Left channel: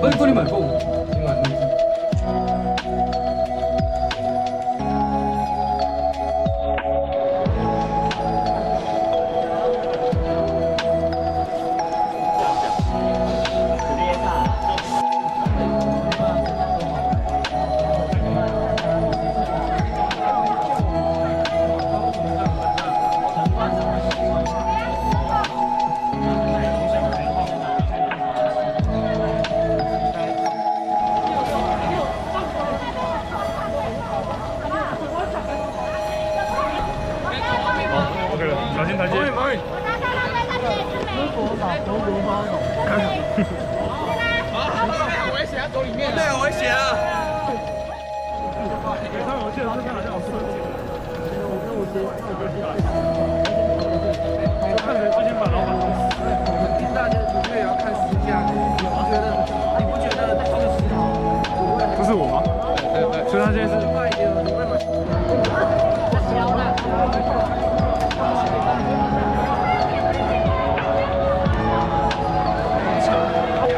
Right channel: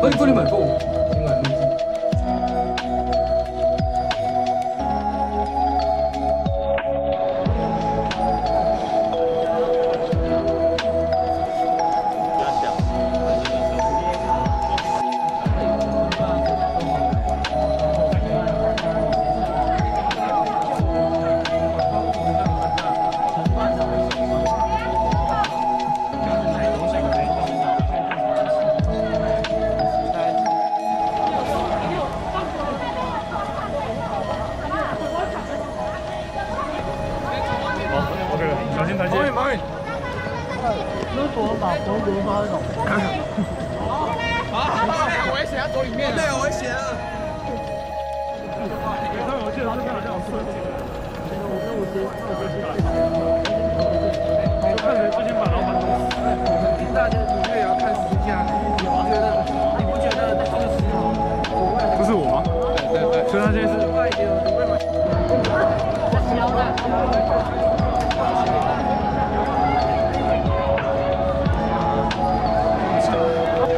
可以帮你买购，请买入住。小心台阶。毛运，如果把红油包走。好，我也写在走里面。对，我也写了。我记得这边好像有4个。我看谁最先把老板弄死。我们听大家音乐也要看时价，你不觉得这个时候？不是我吗？对。所以他现在是。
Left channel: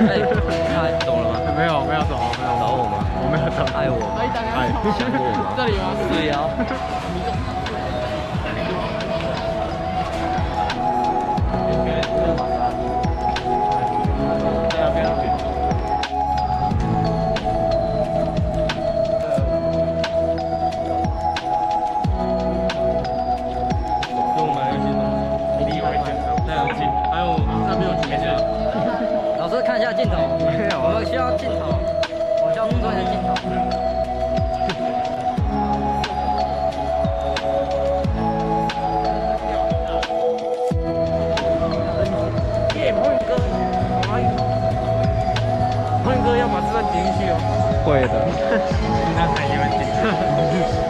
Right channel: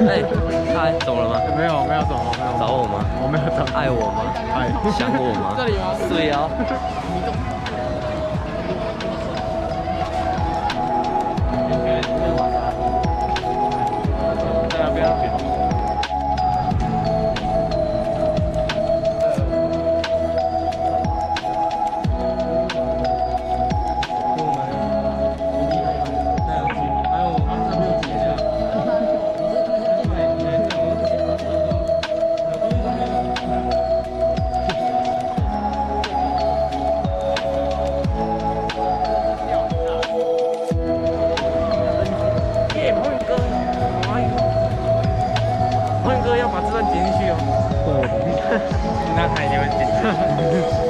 哎，嗨，懂了吗？没有懂，没有。找我吗？我没有懂。爱我吗？爱。想我吗？这里吗？对呀。看一下镜头，我们需要镜头，我需要镜头。耶，黄宇哥，黄宇哥要把这段剪进去哦。会的，那他也会剪。